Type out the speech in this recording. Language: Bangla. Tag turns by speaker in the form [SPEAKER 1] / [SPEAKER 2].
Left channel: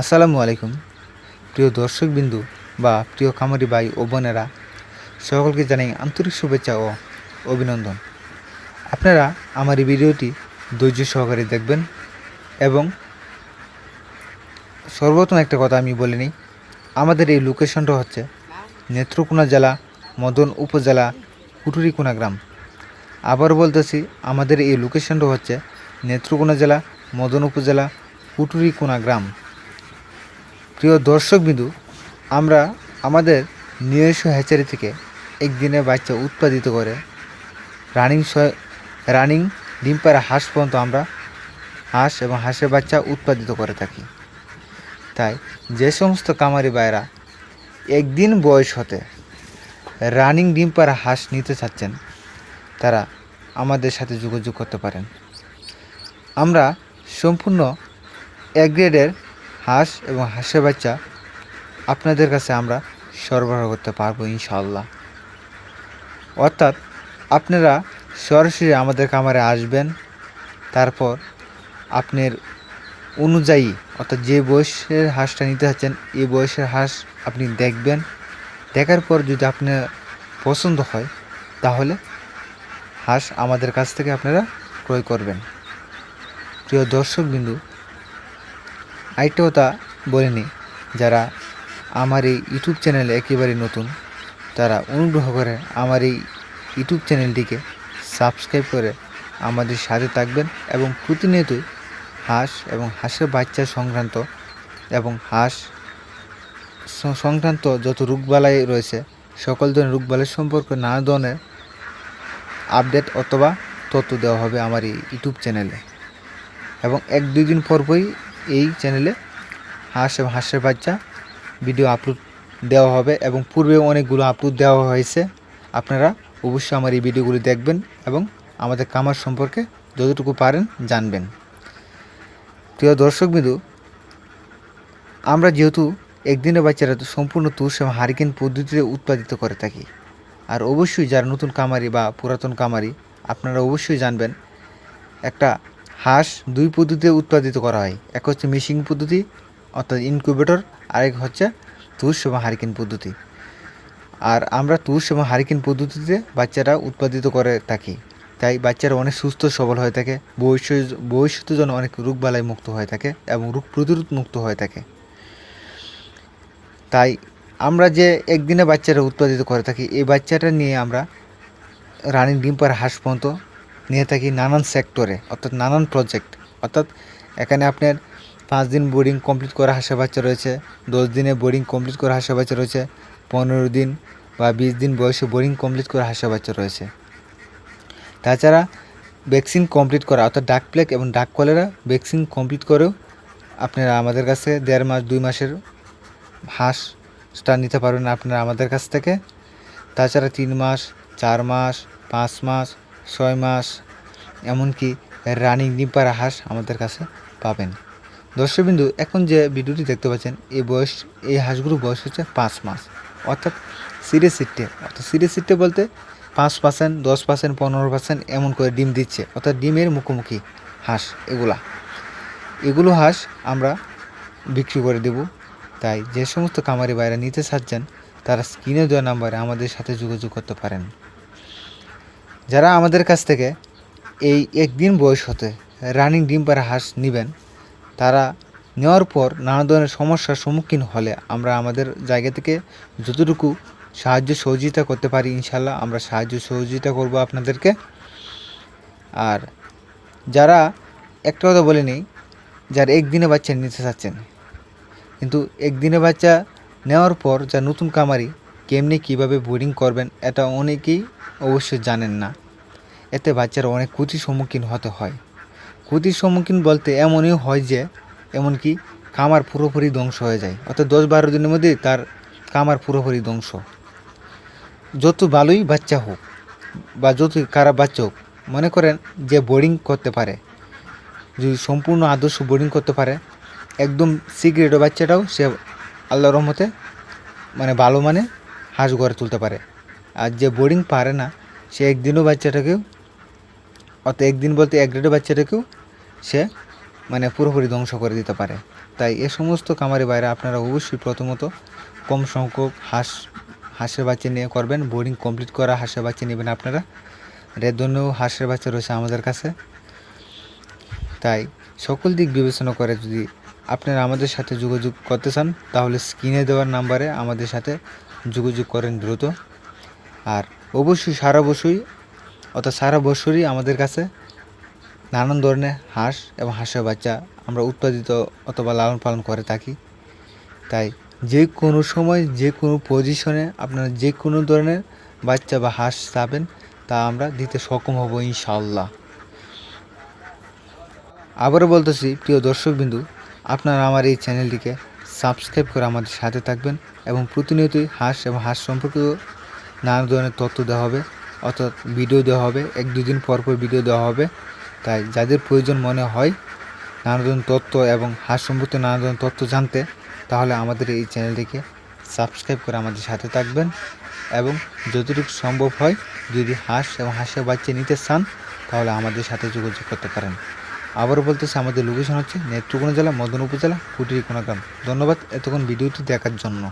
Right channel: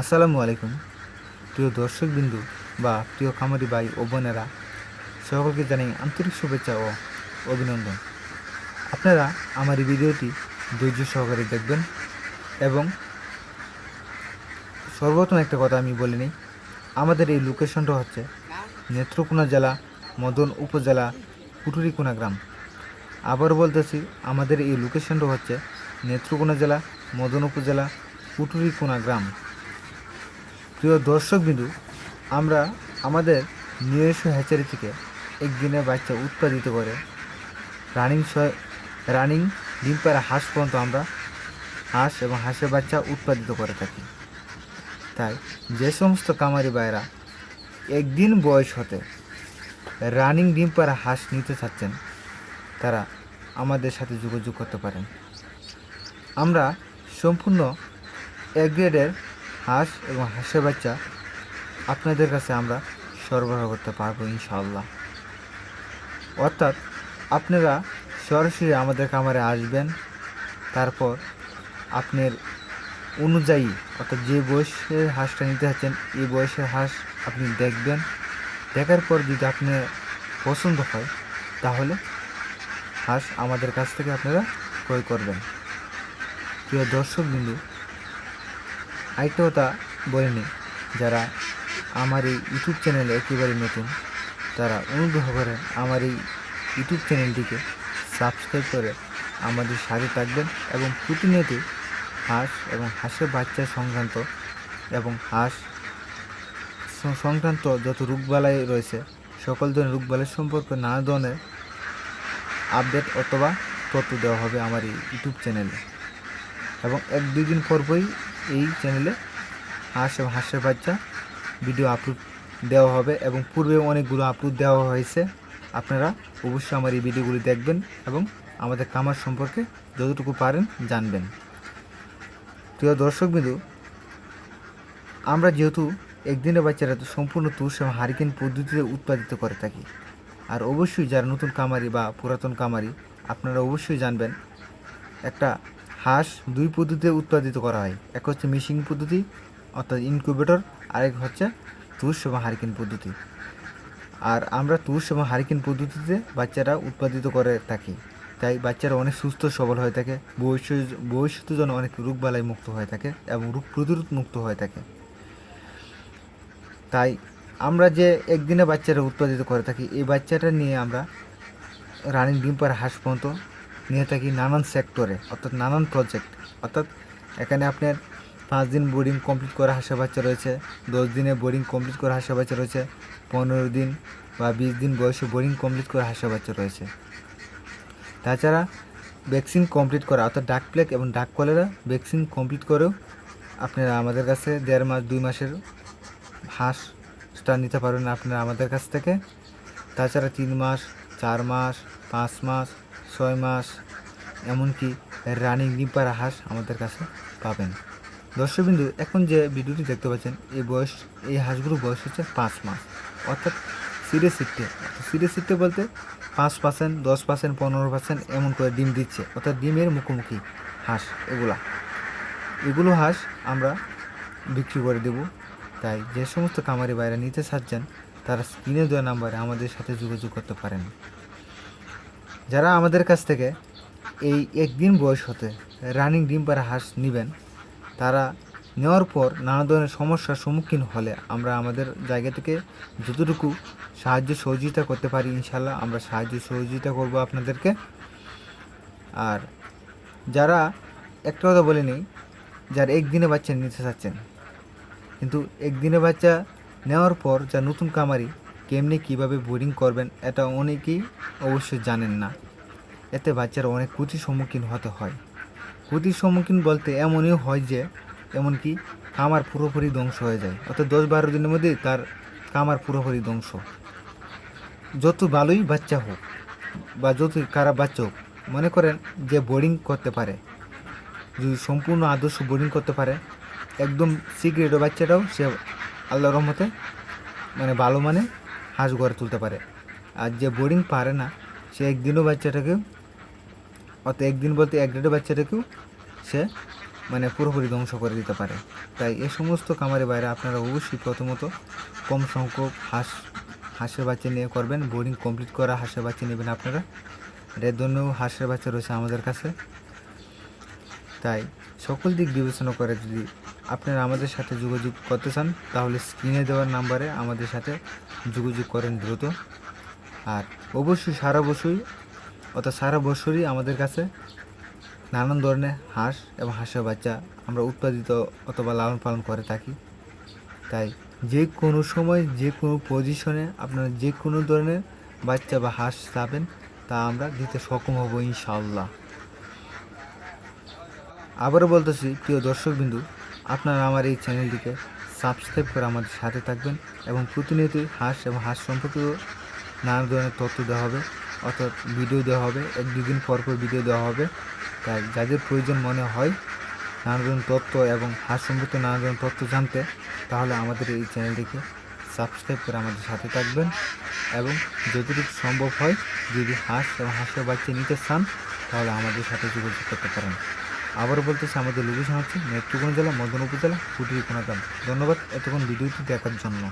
[SPEAKER 1] আসসালামু আলাইকুম। প্রিয় দর্শকবিন্দু বা প্রিয় খামারি ভাই ও বোনেরা, সকলকে জানাই আন্তরিক শুভেচ্ছা ও অভিনন্দন। আপনারা আমার এই ভিডিওটি ধৈর্য সহকারে দেখবেন এবং সর্বপ্রথম একটা কথা আমি বলে নিই, আমাদের এই লোকেশনটা হচ্ছে নেত্রকোনা জেলা, মদন উপজেলা, কুটুরিকোনা গ্রাম। আবার বলতেছি, আমাদের এই লোকেশনটা হচ্ছে নেত্রকোনা জেলা, মদন উপজেলা, কুটুরিকোনা গ্রাম। প্রিয় দর্শকবিন্দু, আমরা আমাদের নিজস্ব হ্যাচারি থেকে একদিনে বাচ্চা উৎপাদিত করে। রানিং রানিং ডিম পাড়া হাঁস পর্যন্ত আমরা হাঁস এবং হাঁসের বাচ্চা উৎপাদিত করে থাকি। তাই যে সমস্ত কামারি ভাইরা একদিন বয়স হতে রানিং ডিম পাড়া হাঁস নিতে চাচ্ছেন, তারা আমাদের সাথে যোগাযোগ করতে পারেন। আমরা সম্পূর্ণ এক গ্রেডের হাঁস এবং হাঁসের বাচ্চা আপনাদের কাছে আমরা সরবরাহ করতে পারব ইনশাল্লাহ অর্থাৎ আপনারা সরাসরি আমাদের কামারে আসবেন, তারপর আপনার অনুযায়ী, অর্থাৎ যে বয়সের হাঁসটা নিতে চাচ্ছেন এই বয়সের হাঁস আপনি দেখবেন। দেখার পর যদি আপনার পছন্দ হয়, তাহলে হাঁস আমাদের কাছ থেকে আপনারা ক্রয় করবেন। প্রিয় দর্শক বিন্দু আরেকটা কথা বলিনি যারা আমার এই ইউটিউব চ্যানেলে একেবারে নতুন, তারা অনুগ্রহ করে আমার এই ইউটিউব চ্যানেলটিকে সাবস্ক্রাইব করে আমাদের সাথে থাকবেন এবং প্রতিনিয়ত হাঁস এবং হাঁসের বাচ্চা সংক্রান্ত এবং হাঁস সংক্রান্ত যত রোগবালাই রয়েছে, সকল ধরনের রোগবালাই সম্পর্কে নানা ধরনের আপডেট অথবা তথ্য দেওয়া হবে আমার এই ইউটিউব চ্যানেলে। এবং এক দুই দিন পরপরই এই চ্যানেলে হাঁস এবং হাঁসের বাচ্চা ভিডিও আপলোড দেওয়া হবে এবং পূর্বে অনেকগুলো আপলোড দেওয়া হয়েছে। আপনারা অবশ্যই আমার এই ভিডিওগুলি দেখবেন এবং আমাদের কামার সম্পর্কে যতটুকু পারেন জানবেন। প্রিয় দর্শকবিন্দু, আমরা যেহেতু একদিনের বাচ্চারা তো সম্পূর্ণ তুষ এবং হারিকেন পদ্ধতিতে উৎপাদিত করে থাকি, আর অবশ্যই যারা নতুন কামারি বা পুরাতন কামারি আপনারা অবশ্যই জানবেন একটা হাঁস দুই পদ্ধতিতে উৎপাদিত করা হয়। এক হচ্ছে মিশিং পদ্ধতি, অর্থাৎ ইনকিউবেটর, আরেক হচ্ছে তুষ এবং হারিকেন পদ্ধতি। আর আমরা তুষ এবং হারিকেন পদ্ধতিতে বাচ্চারা উৎপাদিত করে থাকি। তাই বাচ্চারা অনেক সুস্থ, সবল হয়ে থাকে, ভবিষ্যৎ ভবিষ্যতের জন্য অনেক রোগবালাই মুক্ত হয়ে থাকে এবং রোগ প্রতিরোধ মুক্ত হয়ে থাকে। তাই আমরা যে একদিনে বাচ্চারা উৎপাদিত করে থাকি, এই বাচ্চাটা নিয়ে আমরা রানিং ডিম পাড়া হাঁস পর্যন্ত নিয়ে থাকি নানান সেক্টরে, অর্থাৎ নানান প্রজেক্ট অর্থাৎ এখানে আপনার পাঁচ দিন বোর্ডিং কমপ্লিট করা হাঁসের বাচ্চা রয়েছে, দশ দিনে বোর্ডিং কমপ্লিট করা হাঁসের বাচ্চা রয়েছে, পনেরো দিন বা বিশ দিন বয়সে বোর্ডিং কমপ্লিট করা হাঁসের বাচ্চা রয়েছে। তাছাড়া ভ্যাকসিন কমপ্লিট করা, অর্থাৎ ডাক প্লেক এবং ডাক কলেরা ভ্যাকসিন কমপ্লিট করেও আপনারা আমাদের কাছে দেড় মাস, দুই মাসের হাঁসটা নিতে পারবেন আপনারা আমাদের কাছ থেকে। তাছাড়া তিন মাস, চার মাস, পাঁচ মাস ছয় মাস, এমনকি রানিং ডিম্পারা হাঁস আমাদের কাছে পাবেন। দর্শকবিন্দু, এখন যে ভিডিওটি দেখতে পাচ্ছেন, এই বয়স, এই হাঁসগুলোর বয়স হচ্ছে পাঁচ মাস। অর্থাৎ সিরে সিটে অর্থাৎ সিরে সিটে বলতে পাঁচ পার্সেন্ট, দশ পার্সেন্ট, পনেরো পার্সেন্ট এমন করে ডিম দিচ্ছে। অর্থাৎ ডিমের মুখোমুখি হাঁস এগুলা। এগুলো হাঁস আমরা বিক্রি করে দেব। তাই যে সমস্ত কামারি বাইরে নিতে চাচ্ছেন, তারা স্ক্রিনে দেওয়া নাম্বারে আমাদের সাথে যোগাযোগ করতে পারেন। যারা আমাদের কাছ থেকে এই একদিন বয়স হতে রানিং ডিম পাড়া হাঁস নেবেন, তারা নেওয়ার পর নানা ধরনের সমস্যার সম্মুখীন হলে আমরা আমাদের জায়গা থেকে যতটুকু সাহায্য সহযোগিতা করতে পারি ইনশাল্লাহ আমরা সাহায্য সহযোগিতা করব আপনাদেরকে। আর যারা একটা কথা বলে নিই, যার একদিনে বাচ্চা নিতে চাচ্ছেন, কিন্তু একদিনে বাচ্চা নেওয়ার পর যা নতুন কামারি কেমনি কীভাবে বোর্ডিং করবেন এটা অনেকেই অবশ্যই জানেন না। এতে বাচ্চারা অনেক ক্ষতির সম্মুখীন হতে হয়। ক্ষতির সম্মুখীন বলতে এমনই হয় যে, এমনকি কামার পুরোপুরি ধ্বংস হয়ে যায়, অর্থাৎ দশ বারো দিনের মধ্যে তার কামার পুরোপুরি ধ্বংস। যত ভালোই বাচ্চা হোক বা যত খারাপ বাচ্চা হোক, মনে করেন যে বোর্ডিং করতে পারে, যদি সম্পূর্ণ আদর্শ বোর্ডিং করতে পারে, একদম সিগারেট বাচ্চাটাও সে আল্লাহ রহমতে মানে ভালো মানে হাঁস গড়ে তুলতে পারে। আর যে বোর্ডিং পারে না, সে একদিনও বাচ্চাটাকেও, অর্থাৎ একদিন বলতে এক গ্রেডের বাচ্চাটাকেও সে মানে পুরোপুরি ধ্বংস করে দিতে পারে। তাই এ সমস্ত কামারি বাইরে আপনারা অবশ্যই প্রথমত কম সংখ্যক হাঁস, হাঁসের বাচ্চা নিয়ে করবেন। বোর্ডিং কমপ্লিট করা হাঁসের বাচ্চা নেবেন আপনারা। রেদনেও হাঁসের বাচ্চা রয়েছে আমাদের কাছে। তাই সকল দিক বিবেচনা করে যদি আপনারা আমাদের সাথে যোগাযোগ করতে চান, তাহলে স্ক্রিনে দেওয়ার নাম্বারে আমাদের সাথে যোগাযোগ করেন দ্রুত। আর অবশ্যই সারা বছরই, অর্থাৎ সারা বছরই আমাদের কাছে নানান ধরনের হাঁস এবং হাঁসের বাচ্চা আমরা উৎপাদিত অথবা লালন পালন করে থাকি। তাই যে কোনো সময়, যে কোনো পজিশনে আপনারা যে কোনো ধরনের বাচ্চা বা হাঁস চাবেন তা আমরা দিতে সক্ষম হব ইনশাল্লাহ আবারও বলতেছি, প্রিয় দর্শকবিন্দু, আপনারা আমার এই চ্যানেলটিকে সাবস্ক্রাইব করে আমাদের সাথে থাকবেন এবং প্রতিনিয়তই হাঁস এবং হাঁস সম্পর্কিত নানা ধরনের তথ্য দেওয়া হবে। অর্থাৎ ভিডিও দেওয়া হবে, এক দুদিন পর পর ভিডিও দেওয়া হবে। তাই যাদের প্রয়োজন মনে হয় নানা ধরনের তথ্য এবং হাঁস সম্পর্কিত নানা ধরনের তথ্য জানতে, তাহলে আমাদের এই চ্যানেলটিকে সাবস্ক্রাইব করে আমাদের সাথে থাকবেন। এবং যতটুকু সম্ভব হয়, যদি হাঁস এবং হাঁসের বাচ্চা নিতে চান, তাহলে আমাদের সাথে যোগাযোগ করতে পারেন। আবারও বলতেছি, আমাদের লোকেশন হচ্ছে নেত্রকোনা জেলা, মদন উপজেলা কুটিরিকোনা গ্রাম। ধন্যবাদ এতক্ষণ ভিডিওটি দেখার জন্য।